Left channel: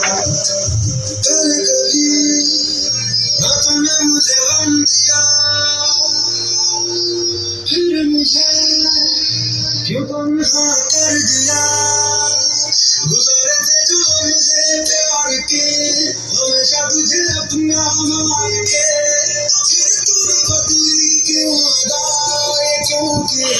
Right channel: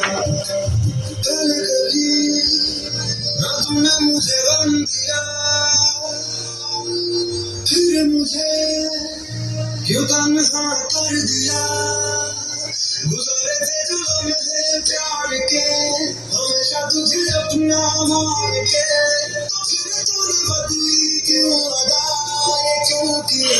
पहले कभी ना तुमने मुझे गम दिया, फिर मुझे क्यों तन्हा कर दिया। गुजारे थे जो मुझे प्यार के, हमेशा तुझे अपना मान के, फिर तूने बदली क्यों अदा, ये क्यों किया।